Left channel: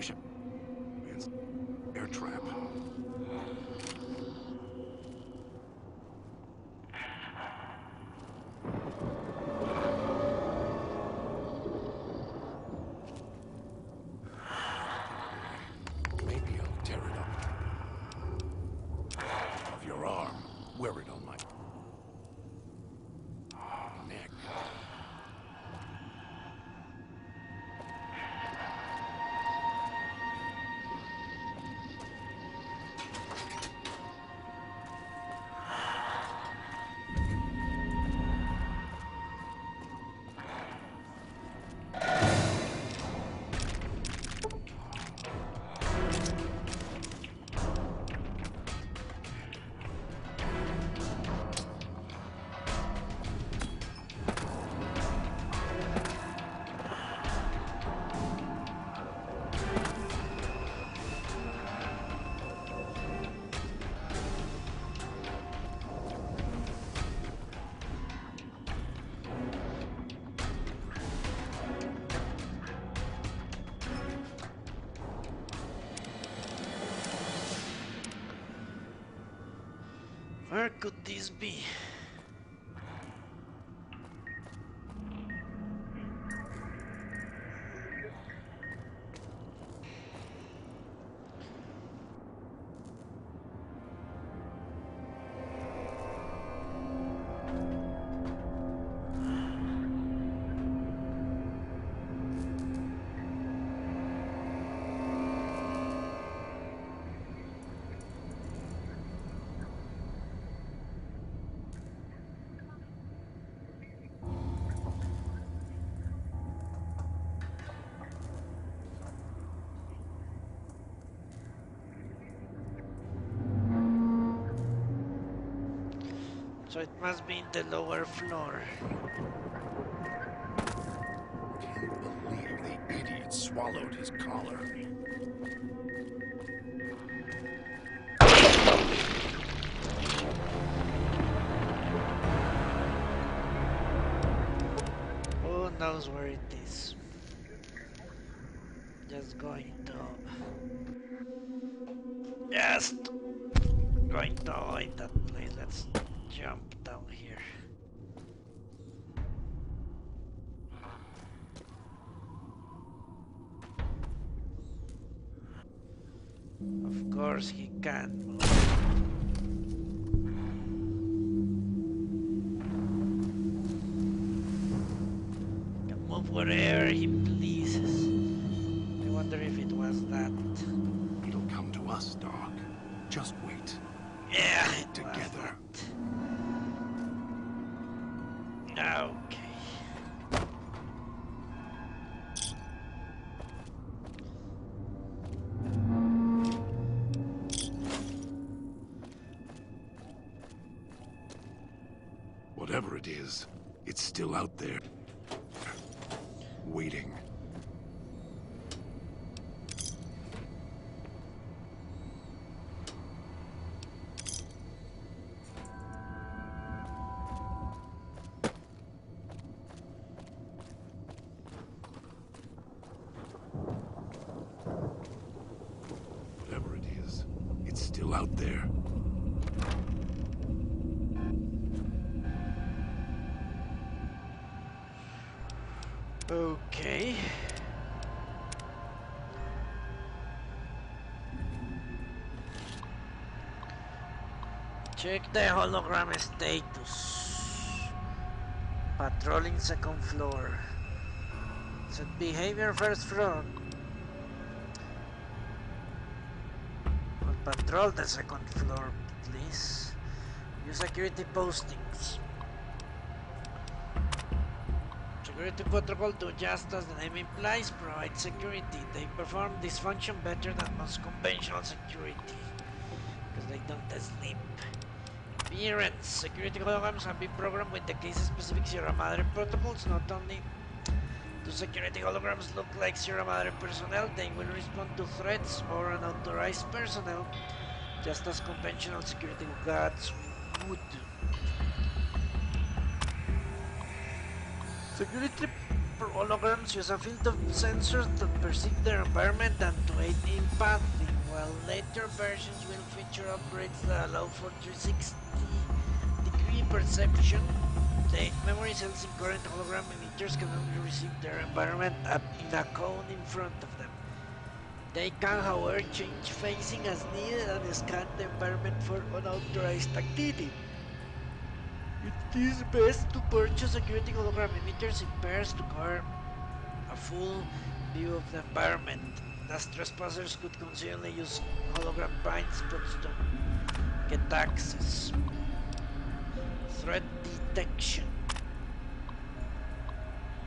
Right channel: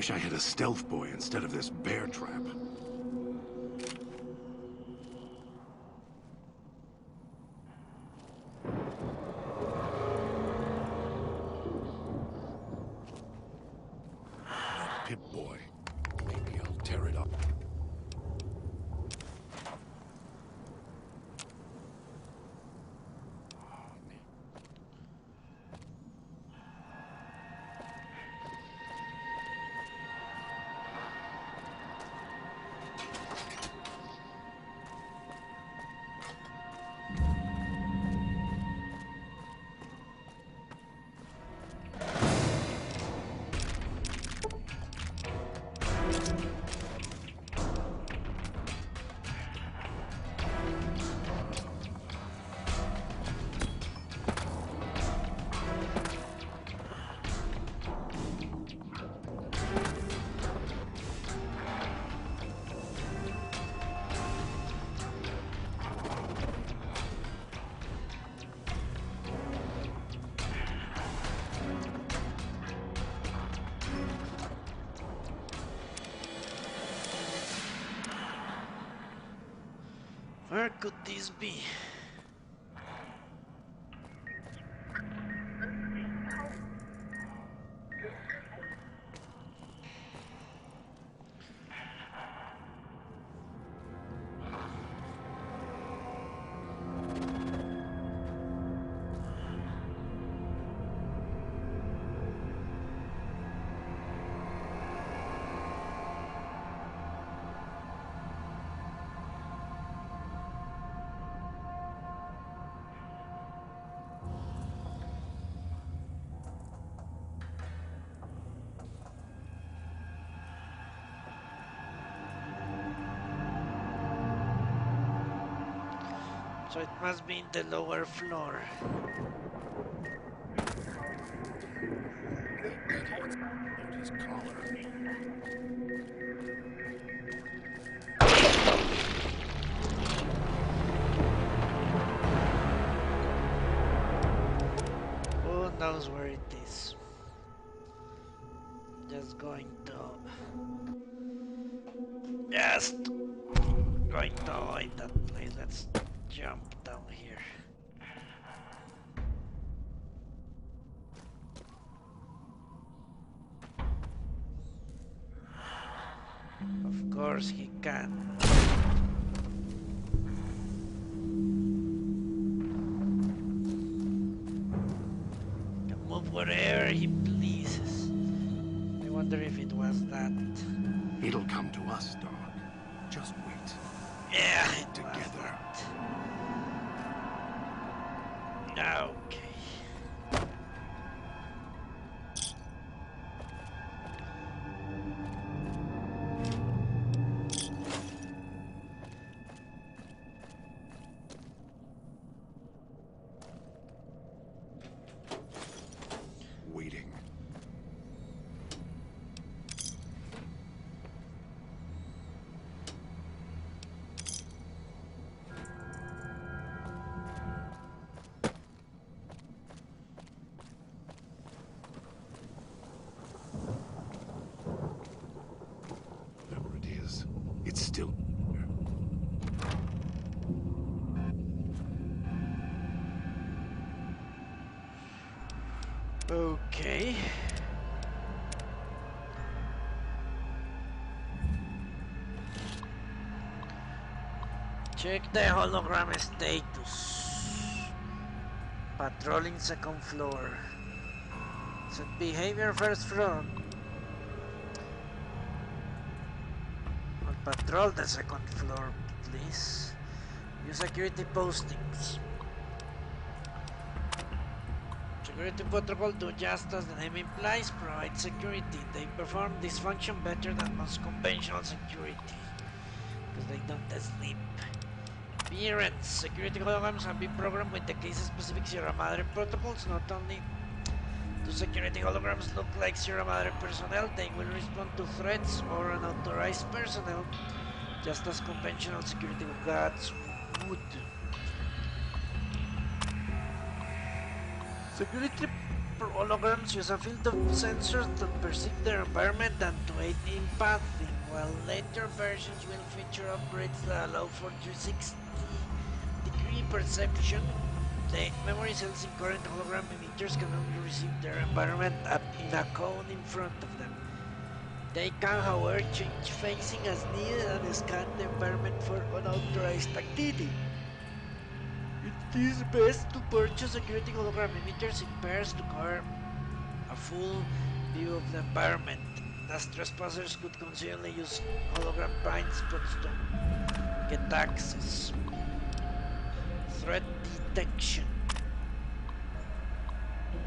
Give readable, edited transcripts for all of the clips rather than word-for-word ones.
Wish I had a stealth boy instead of this bear trap. Good boy. Maybe I'll tear it up. Of your arm. Wear it on my neck. Where could this be? So it must be in the lower floor. The idiot swallowed his collar. Who knows where it is? Just going to avoid that place. Let's jump down here. Of course he can. He can move wherever he pleases. I wonder if it was that. It'll come to us, Doc. Just wait. Yeah, Get it together. was that. Okay. Whatever it is, it's still out there. Waiting. Whatever it is, it's still out there. Okay. Check the hologram status. Patrolling second floor. Set behavior first floor. On patrol the second floor, please. Use security postings. Security protocol do just as the name implies, provide security. They perform this function better than most conventional security, because they don't sleep. Appearance. Security holograms have been programmed with the case-specific Sierra Madre protocols. Not only do security holograms look like Sierra Madre personnel, they will respond to threats or unauthorized personnel, just as conventional security guards would. Security holograms use a field of sensors that perceive their environment and to aid in pathing, while later versions will feature upgrades that allow for 360-degree perception. The memory cells in current hologram emitters can only receive their environment in a cone in front of them. They can, however, change facing as needed and scan the environment for unauthorized activity. It is best to purchase security hologram emitters in pairs to cover a full view of the environment, as trespassers could conceivably use hologram blind spots to get access. Threat detection.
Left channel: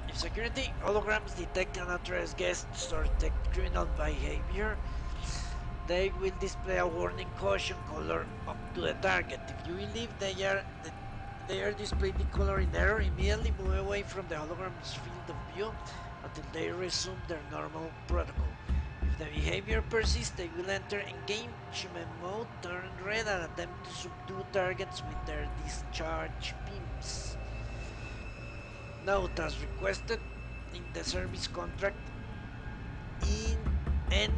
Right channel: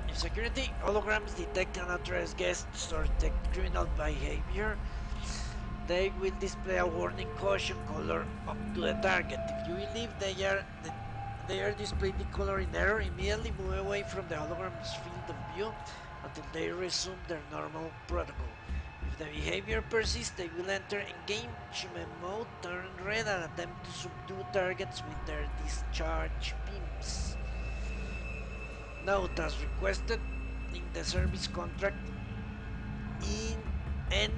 If security holograms detect unauthorized guests or detect criminal behavior, they will display a warning caution color up to the target. If you believe they are displayed the color in error, immediately move away from the hologram's field of view until they resume their normal protocol. If the behavior persists, they will enter engagement mode, turn red, and attempt to subdue targets with their discharge beams. Note, as requested in the service contract, NE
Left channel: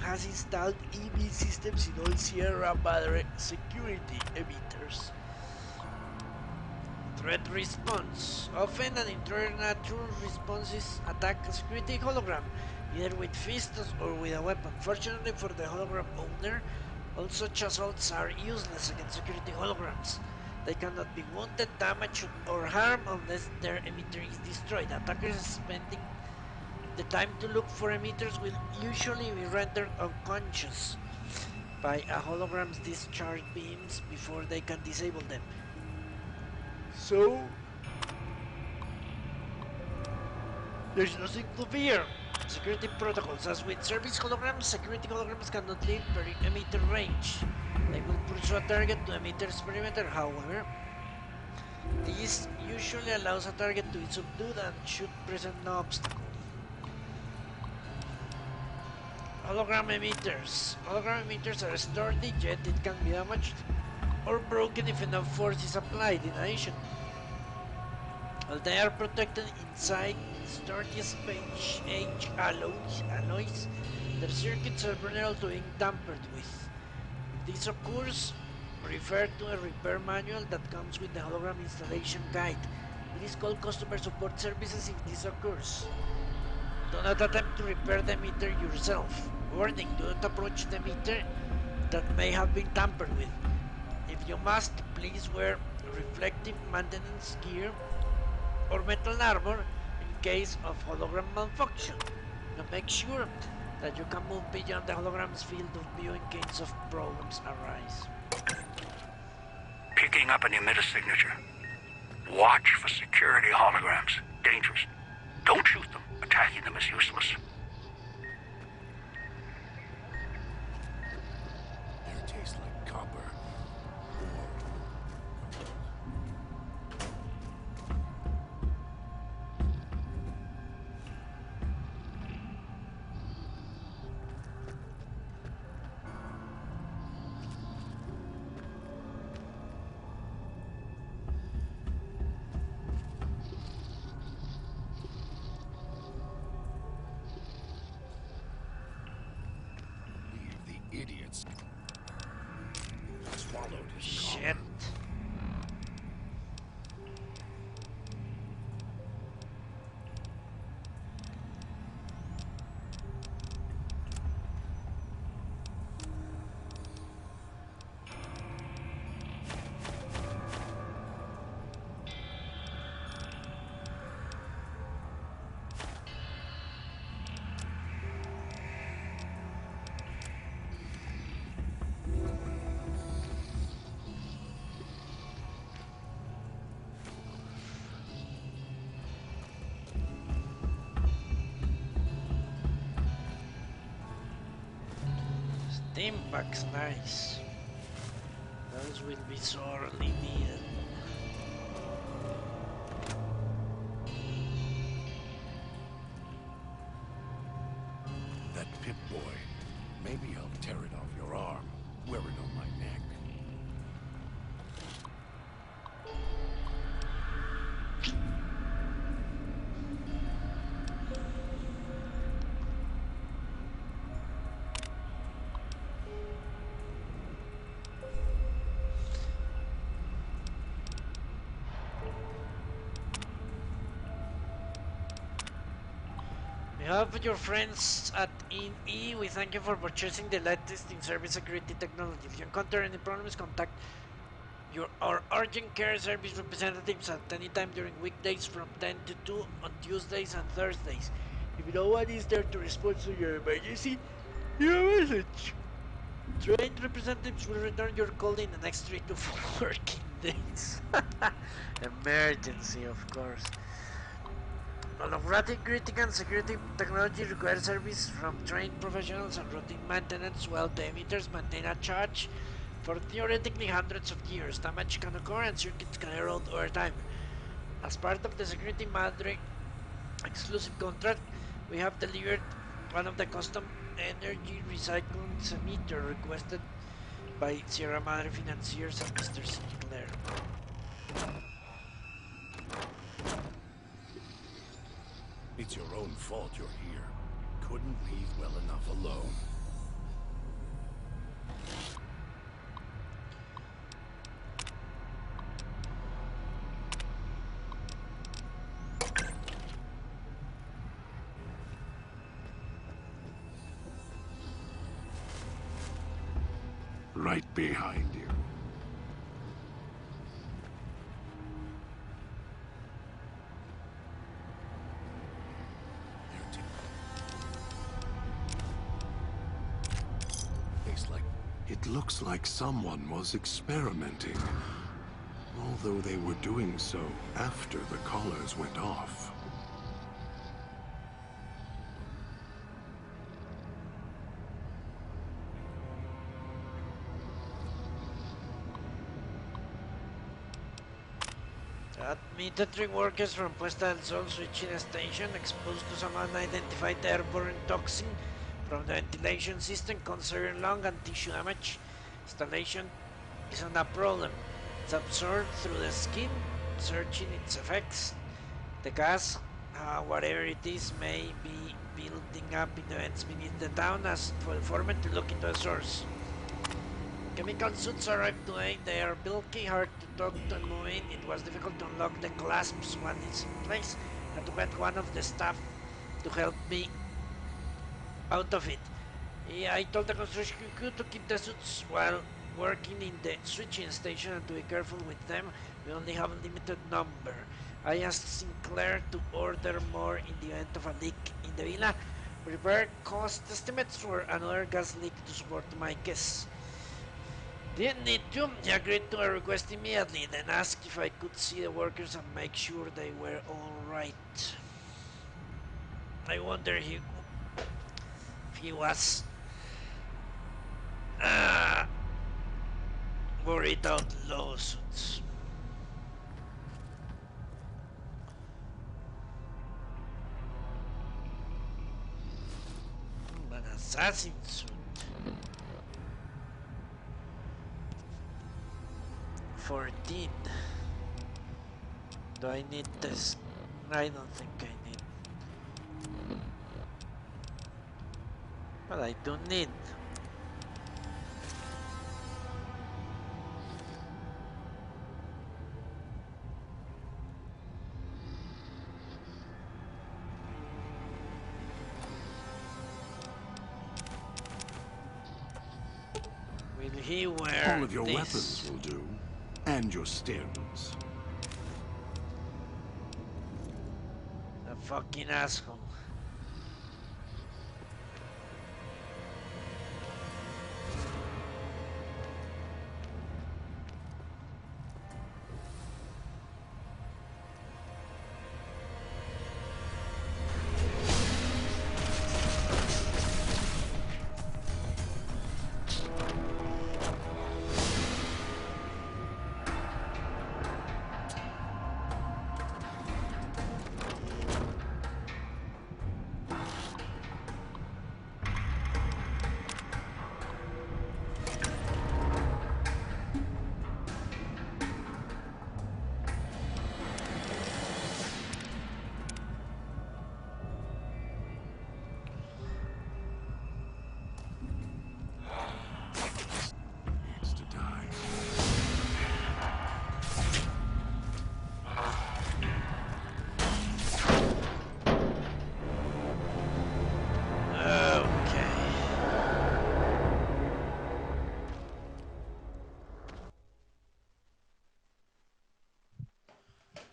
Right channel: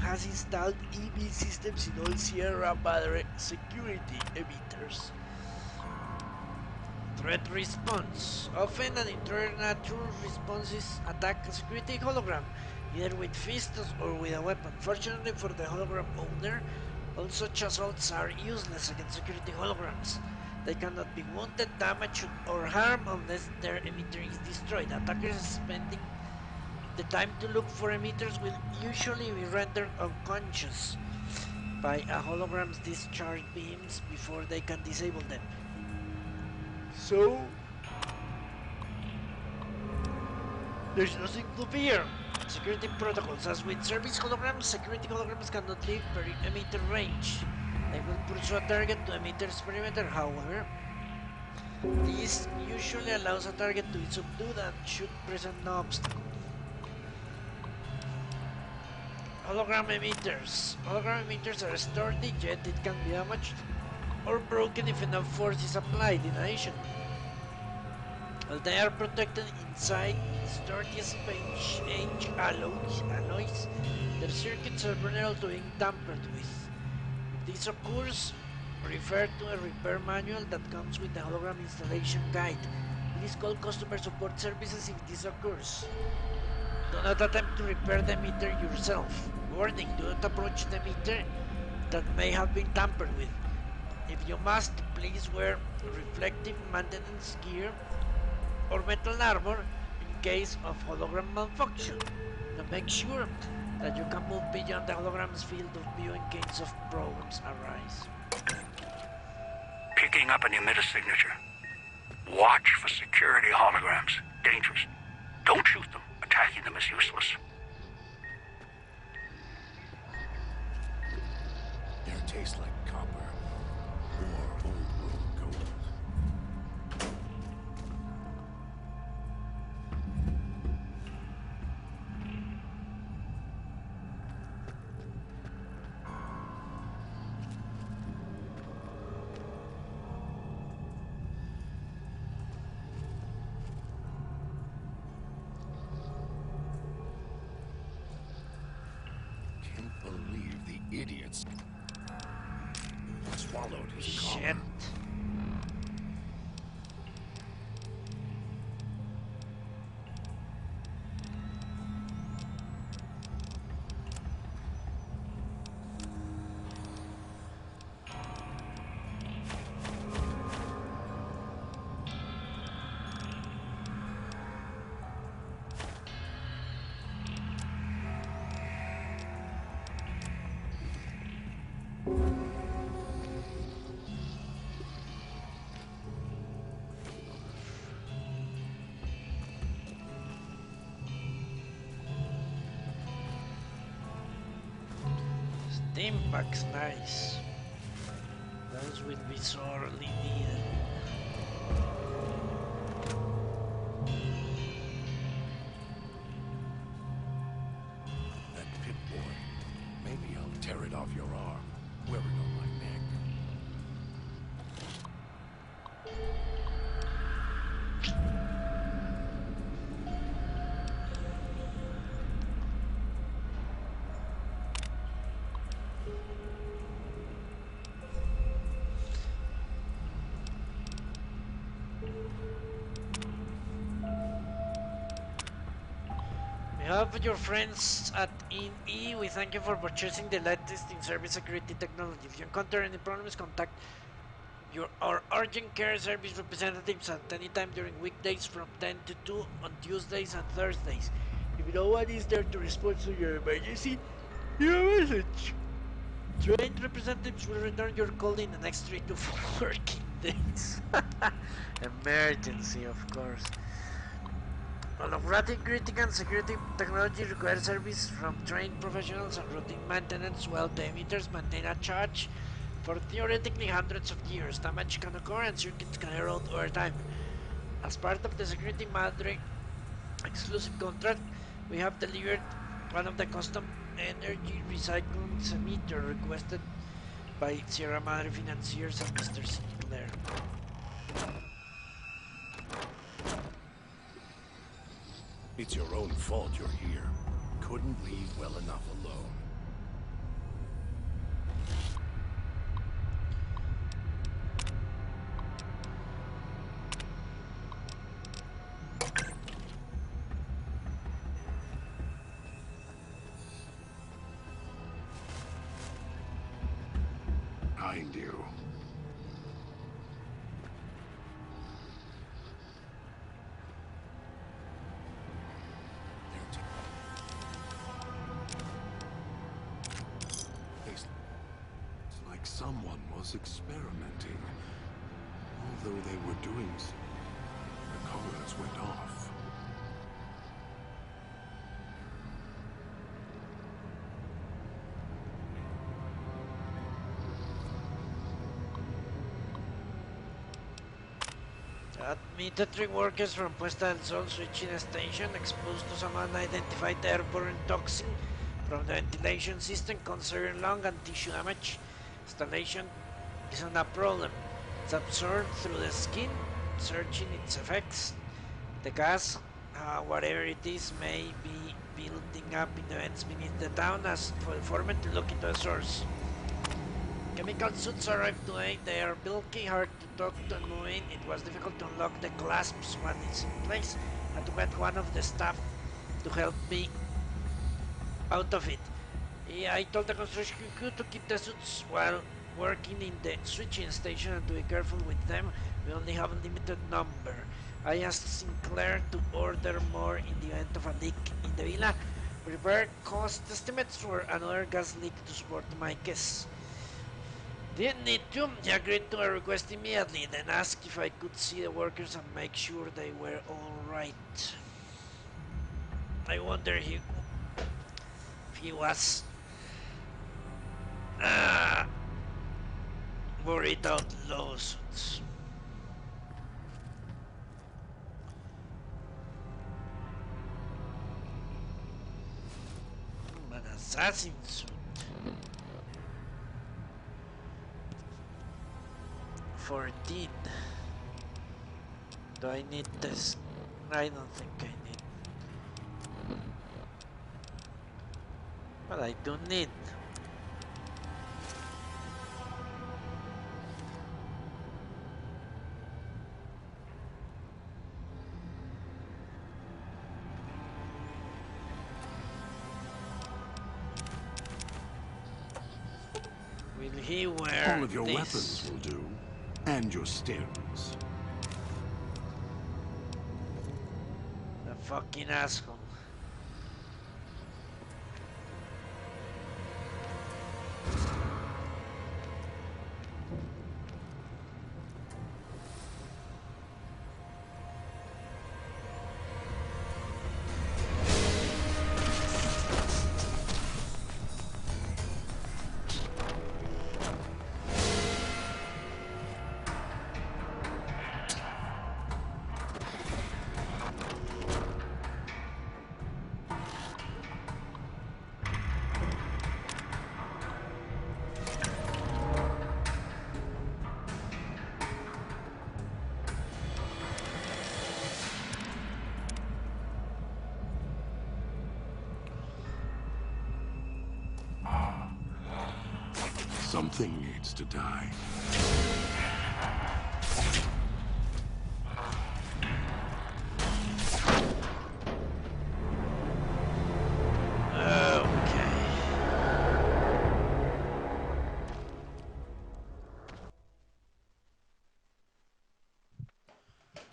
has installed EV systems in all Sierra Madre security emitters. Threat response. Often an intruder natural response is attack a security hologram, either with fists or with a weapon. Fortunately for the hologram owner, all such assaults are useless against security holograms. They cannot be wounded, damaged, or harmed unless their emitter is destroyed. Attackers spending the time to look for emitters will usually be rendered unconscious by a hologram's discharge beams before they can disable them. So, there's nothing to fear. Security protocols. As with service holograms, security holograms cannot leave emitter range. They will pursue a target to emitter's perimeter. However, this usually allows a target to be subdued and should present no obstacle. Hologram emitters. Hologram emitters are sturdy, yet it can be damaged or broken if enough force is applied. In addition, while they are protected inside sturdy space-age alloys, their circuits are vulnerable to being tampered with. If this occurs, refer to a repair manual that comes with the hologram installation guide. Please call customer support services if this occurs. Do not attempt to repair the meter yourself. Warning, do not approach the meter that may have been tampered with. If you must, please wear reflective maintenance gear or metal armor in case of hologram malfunction. Now make sure that you can move beyond the hologram's field of view in case of problems arise. Picking up an emitter signature. Watch for security holograms. Dangerous. Don't shoot them. Attacking them is useless. Air tastes like copper or old gold. Idiots swallowed his Shit. collar. Steam packs, nice. Those will be sorely needed. That Pip-Boy. Maybe I'll tear it off your arm. Wear it on my neck. behalf of your friends at INE, we thank you for purchasing the latest in service security technology. If you encounter any problems, contact our urgent care service representatives at any time during weekdays from 10 to 2 on Tuesdays and Thursdays. If no one is there to respond to your emergency, your message. Trained representatives will return your call in the next 3 to 4 working days. Emergency, of course. Holographic greeting and security technology requires service from trained professionals and routine maintenance, while the emitters maintain a charge for theoretically hundreds of years. Damage can occur and circuits can erode over time. As part of the Security Madre exclusive contract, we have delivered one of the custom energy recycling emitter requested by Sierra Madre financiers and Mr. Sinclair. It's your own fault you're here. Couldn't leave well enough alone. Right behind you. It looks like someone was experimenting, although they were doing so after the collars went off. Admitted 3 workers from Puesta del Sol switching station exposed to some unidentified airborne toxin from the ventilation system, causing lung and tissue damage. Installation isn't a problem. It's absorbed through the skin, searching its effects. The gas, whatever it is, may be building up in the vents beneath the town as for the foreman to look into the source. Chemical suits arrived today. They are bulky, hard to talk to and move in. It was difficult to unlock the clasps when it's in place. I had to get one of the staff to help me out of it. Yeah, I told the construction crew to keep the suits while working in the switching station and to be careful with them. We only have a limited number. I asked Sinclair to order more in the event of a leak in the villa. Prepare cost estimates for another gas leak to support my case. Didn't need to. He agreed to a request immediately, then asked if I could see the workers and make sure they were alright. I wonder if he was worried about lawsuits. An assassin suit. 14. Do I need this? I don't think I need. But I do need. Will he wear all of your this? weapons will do, and your stems. The fucking asshole. Something needs to die.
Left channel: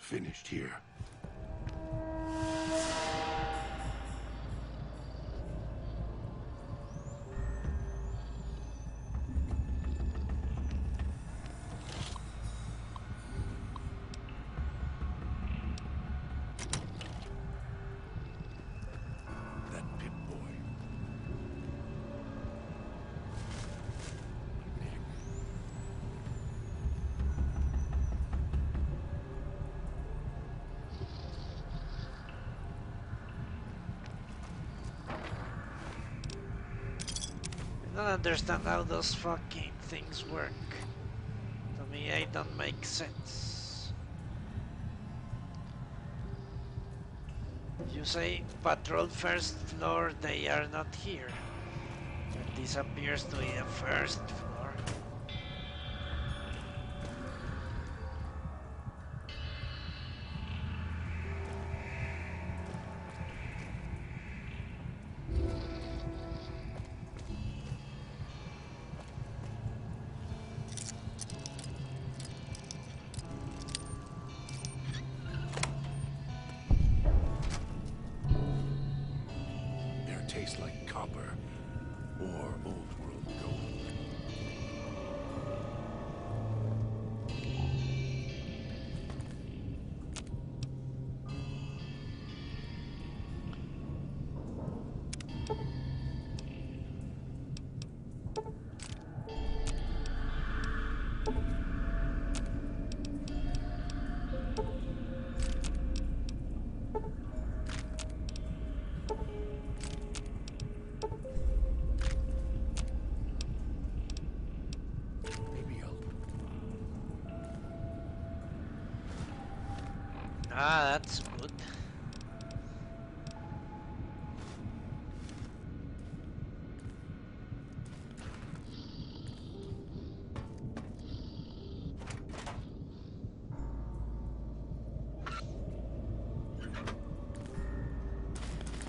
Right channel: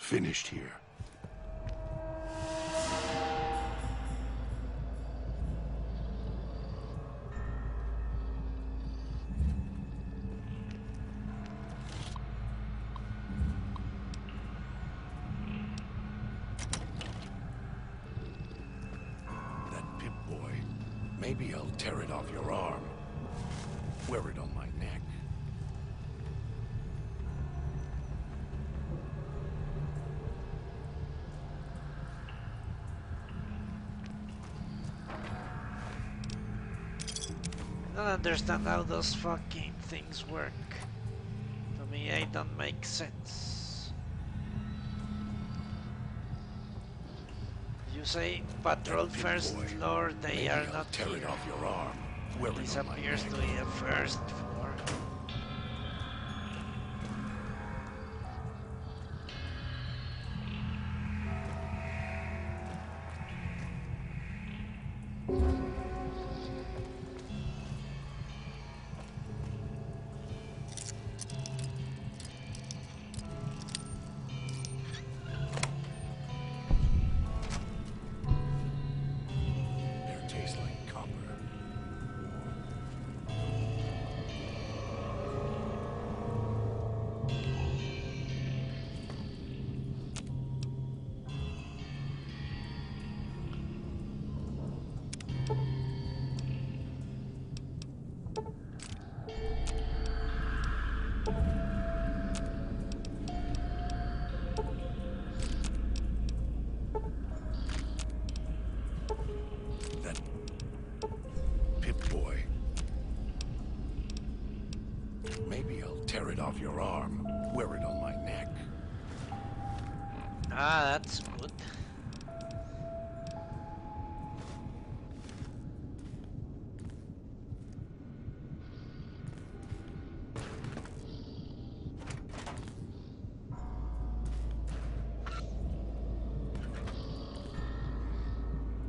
finished here. That Pip-Boy. Maybe I'll tear it off your arm. Wear it on my neck. I don't understand how those fucking things work. To me, it don't make sense. You say patrol first floor, they are not here. This appears to be a first floor. Tastes like copper or old world gold. Maybe I'll tear it off your arm. Wear it on my neck. Ah, that's good.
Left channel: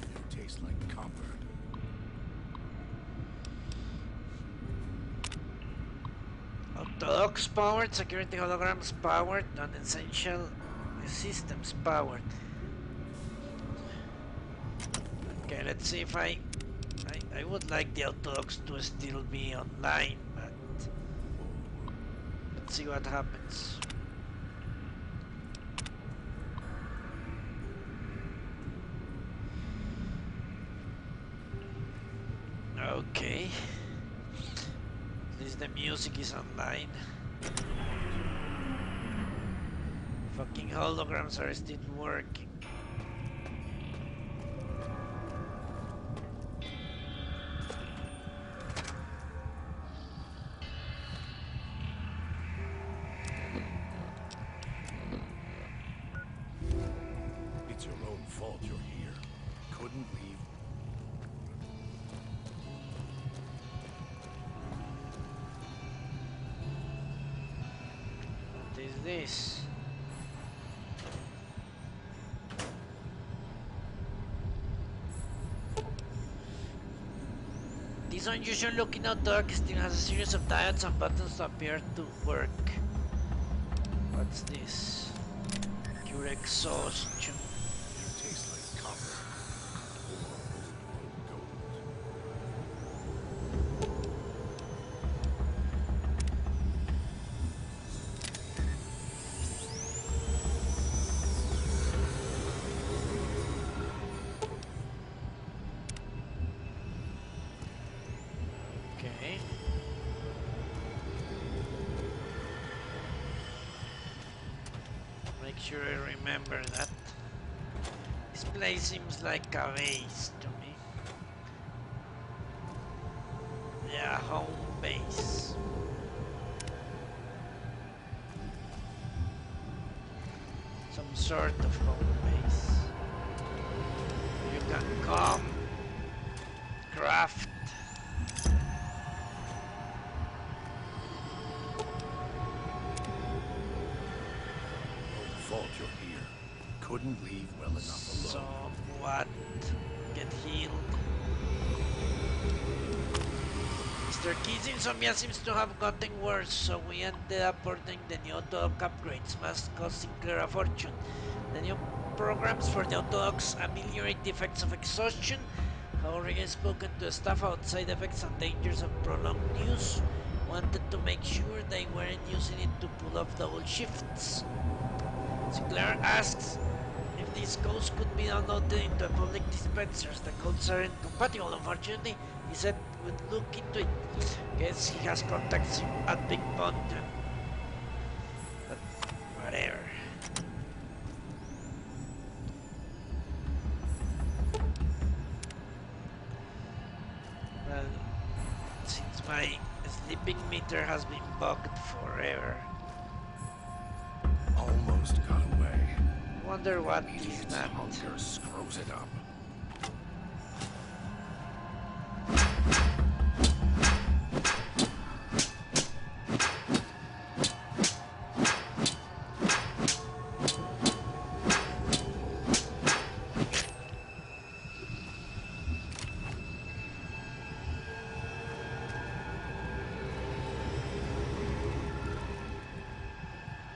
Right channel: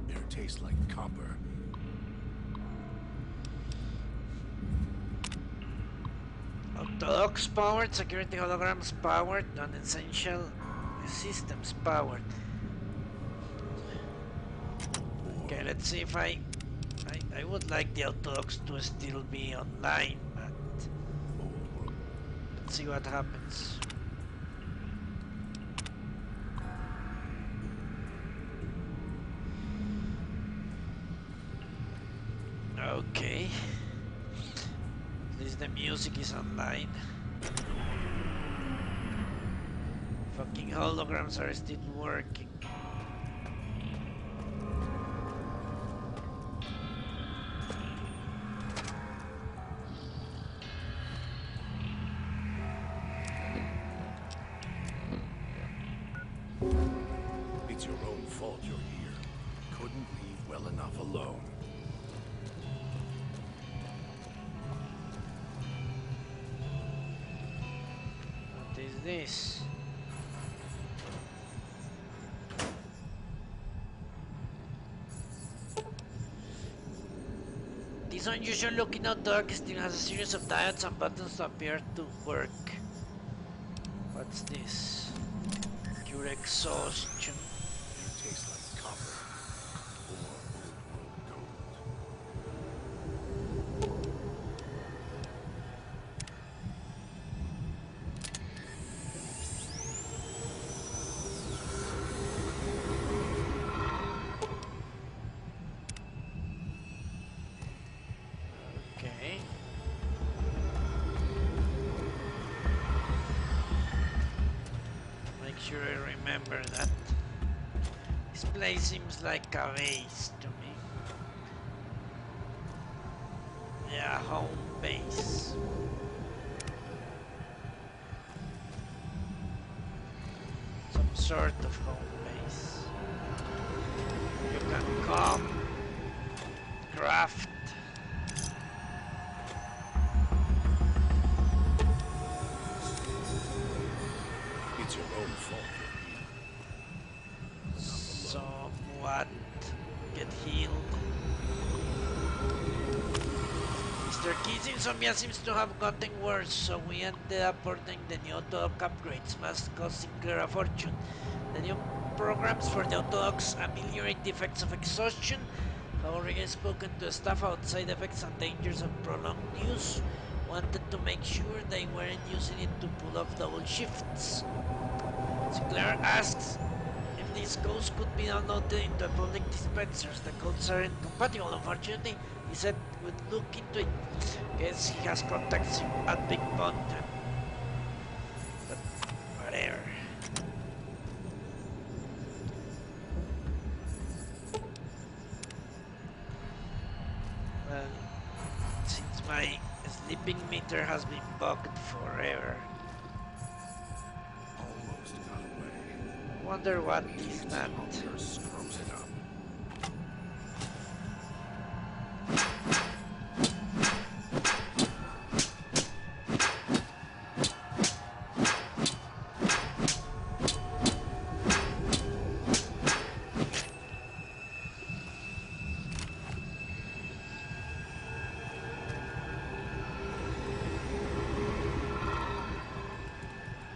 It tastes like copper. Orthodox powered, security holograms powered, non-essential systems powered. Okay, let's see if I would like the Orthodox to still be online, but let's see what happens. Okay. At least the music is online. Fucking holograms are still working. It's your own fault you're here. Couldn't leave well enough alone. What is this? This unusual looking Darth still has a series of diodes and buttons that appear to work. What's this? Cure exhaustion. It tastes like copper or old world gold. Okay. Make sure I remember that. This place seems like a base to me. Yeah, home base. Some sort of home base. You can come, craft. It's your own fault you're here. Couldn't leave well enough alone. Somewhat get healed. Mr. Key's insomnia seems to have gotten worse, so we ended up ordering the new autodoc upgrades, must cost Sinclair a fortune. The new programs for the autodocs ameliorate the effects of exhaustion. However, he has spoken to staff about side effects and dangers of prolonged use. Wanted to make sure they weren't using it to pull off double shifts. Sinclair asks if these codes could be downloaded into public dispensers. The codes aren't compatible, unfortunately. He said we'd look into it. Guess he has contacts at Big Mountain. But whatever. Well, since my sleeping meter has been bugged forever. Almost got away. Wonder what this Idiot's meant. hunger screws it up.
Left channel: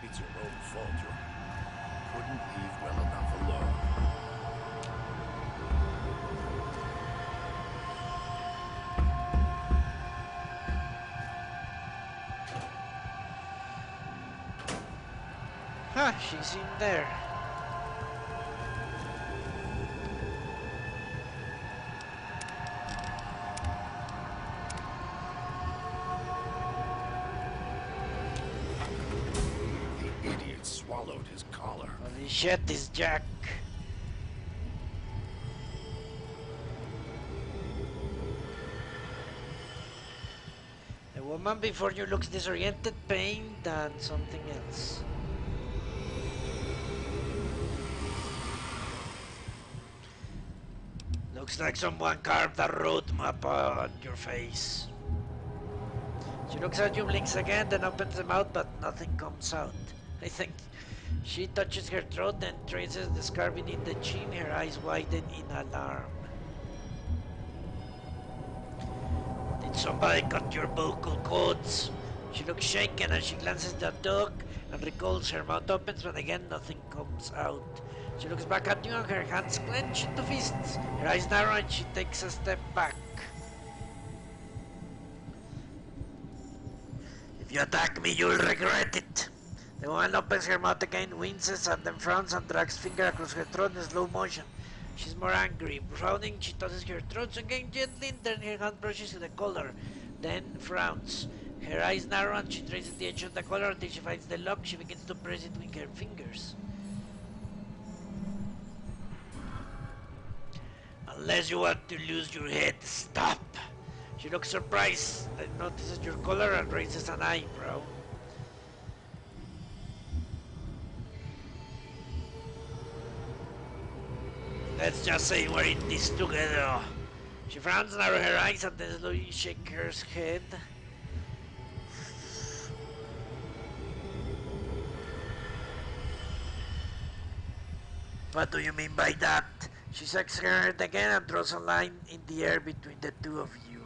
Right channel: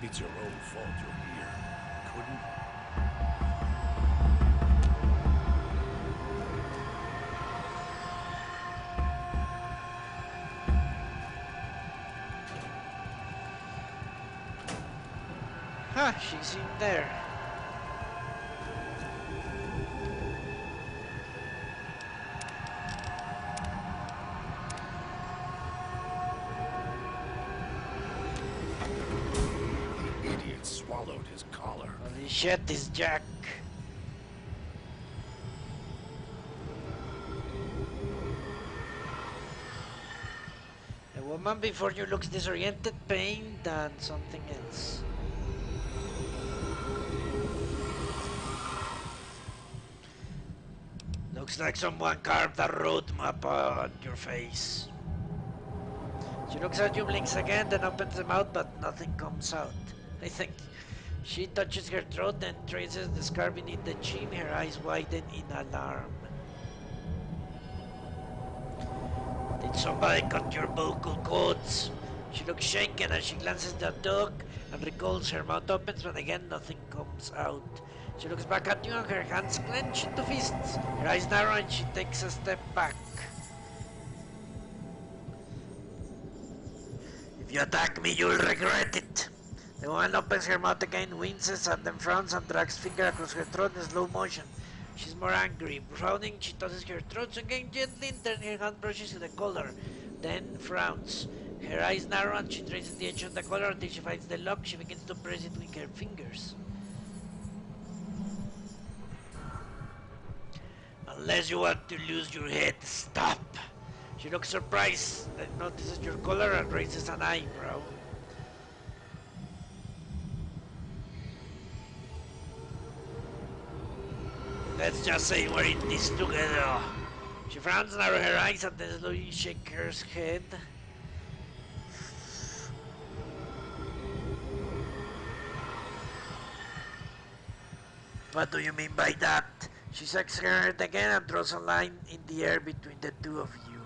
It's your own fault you're here. Couldn't leave well enough alone. Huh, she's in there. The idiot swallowed his collar. Holy shit, this Jack. The woman before you looks disoriented, pained, and something else. Looks like someone carved a road map on your face. She looks at you, blinks again, then opens the mouth, but nothing comes out. I think she touches her throat, then traces the scar beneath the chin, her eyes widen in alarm. Did somebody cut your vocal cords? She looks shaken as she glances at the dog and recalls her mouth opens, but again nothing comes out. She looks back at you and her hands clench into fists. Her eyes narrow and she takes a step back. If you attack me, you'll regret it. The woman opens her mouth again, winces, and then frowns and drags finger across her throat in slow motion. She's more angry. Frowning, she tosses her throat again gently and then her hand brushes to the collar. Then frowns. Her eyes narrow and she traces the edge of the collar until she finds the lock. She begins to press it with her fingers. Unless you want to lose your head, stop. She looks surprised, notices your collar and raises an eyebrow. Let's just say we're in this together. She frowns, narrows her eyes, and then slowly shakes her head. What do you mean by that? She shakes her head again and draws a line in the air between the two of you.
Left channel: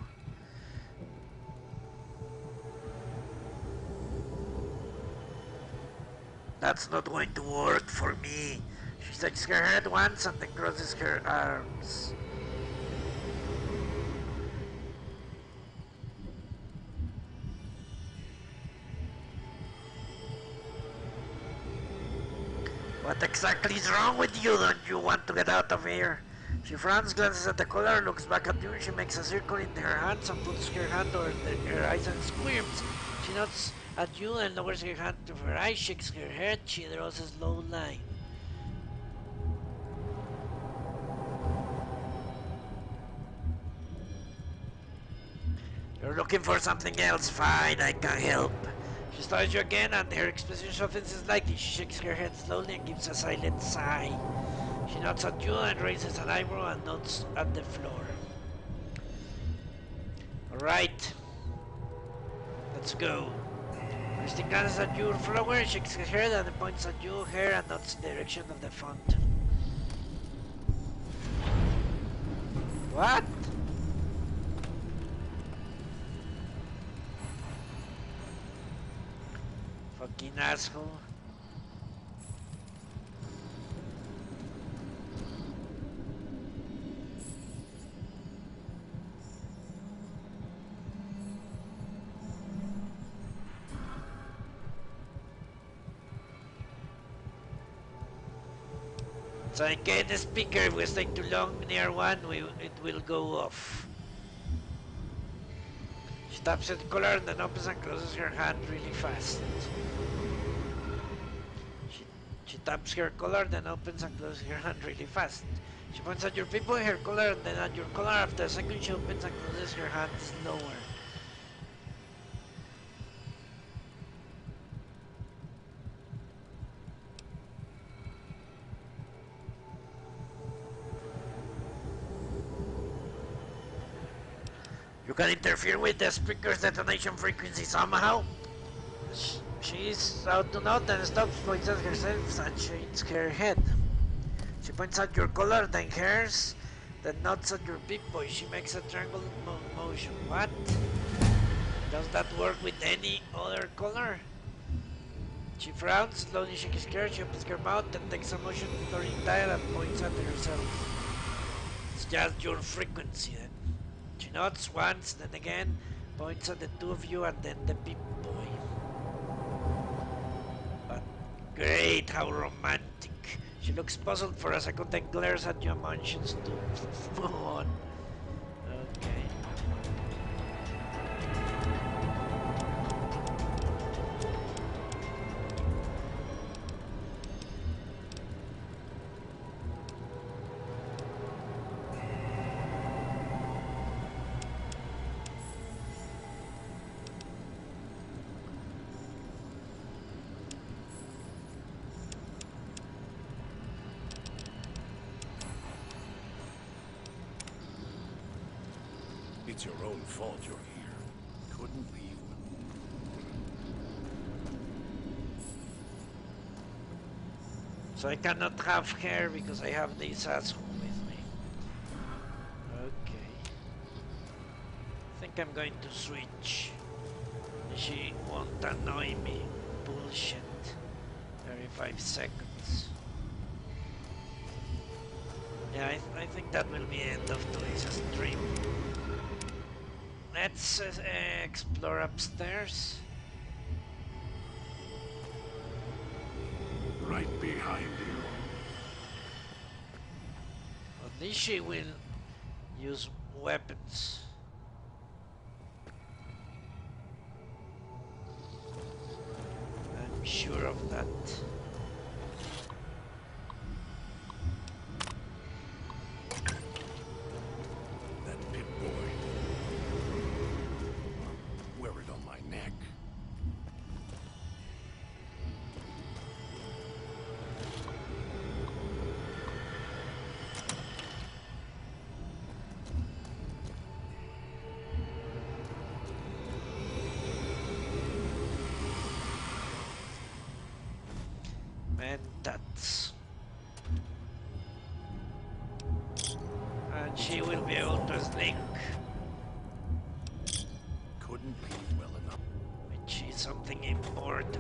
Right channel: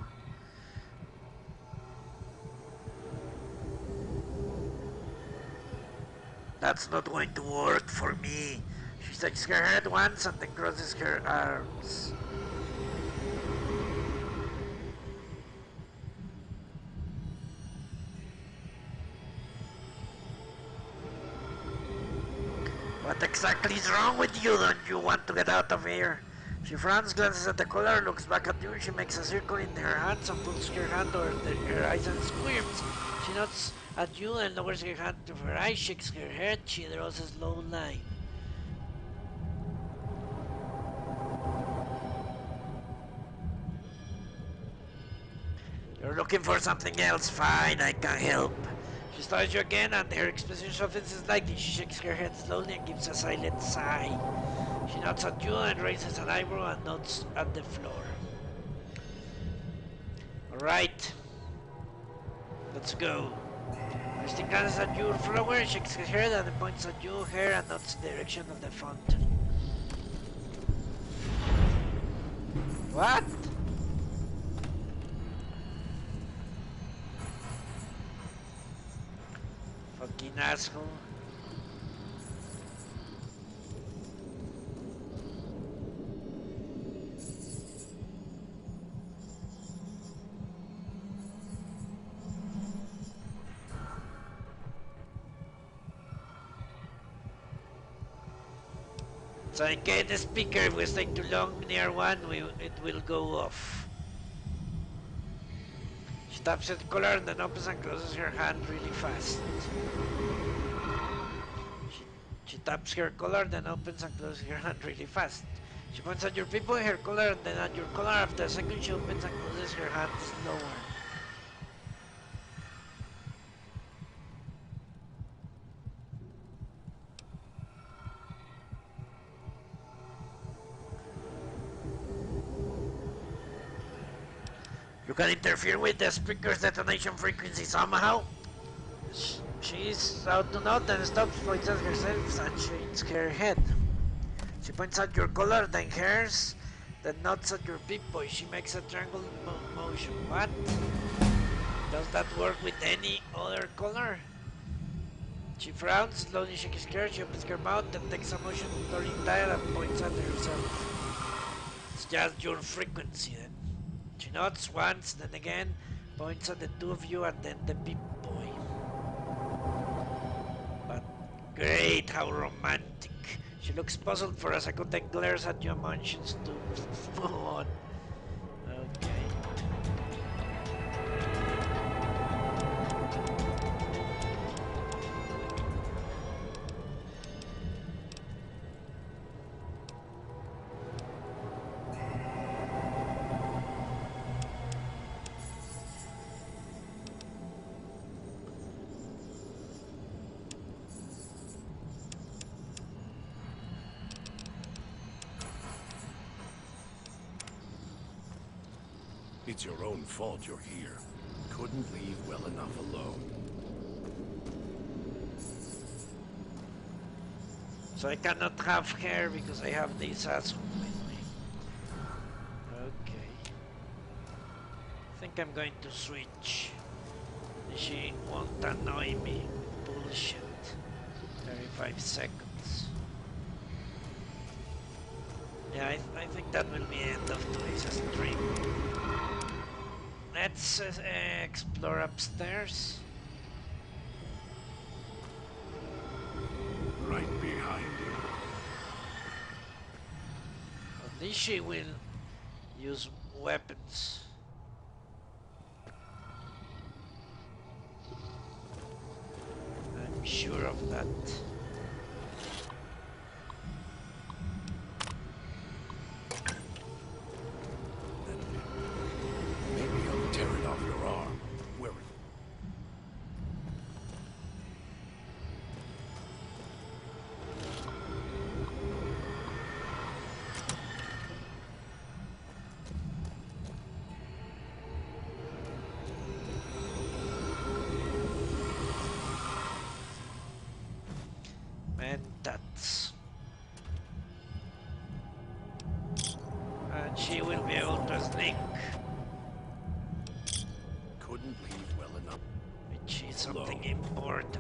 That's not going to work for me. She shakes her head once and then crosses her arms. What exactly is wrong with you? Don't you want to get out of here? She frowns, glances at the collar, looks back at you, she makes a circle in her hands and puts her hand over her eyes and squirms. She nods at you and lowers her hand to her eyes, shakes her head, she draws a slow line. You're looking for something else? Fine, I can help. She studies you again and her expression softens slightly. She shakes her head slowly and gives a silent sigh. She nods at you and raises an eyebrow and nods at the floor. Alright. Let's go. Christine glances at your flower, shakes her head and points at you, her, and nods in the direction of the fountain. What? Fucking asshole. So I get the speaker, if we stay too long near one, it will go off. She taps at the collar and then opens and closes her hand really fast. She taps her collar, then opens and closes her hand really fast. She points at your people in her collar and then at your collar. After a second, she opens and closes her hand slower. You can interfere with the speaker's detonation frequency somehow. She is out to note and stops, points at herself and shakes her head. She points at your collar, then hers, then nods at your Pip-Boy. She makes a triangle motion. What? Does that work with any other color? She frowns, slowly shakes her hair, she opens her mouth, then takes a motion turning dial and points at herself. It's just your frequency then. She nods once, then again, points at the two of you and then the Pip-Boy. But great, how romantic. She looks puzzled for a second, then glares at you and motions to move on. Okay. It's your own fault you're here. Couldn't leave well enough alone. So I cannot have her because I have this asshole with me. Okay. I think I'm going to switch. She won't annoy me with bullshit. 35 seconds. Yeah, I think that will be the end of today's stream. Let's explore upstairs. Right behind you. At least she will use weapons. I'm sure of that. That Pip-Boy. Tear it off your arm. Wear it on my neck. And that's... And she will be able to sneak. Couldn't leave well enough. Which is something important.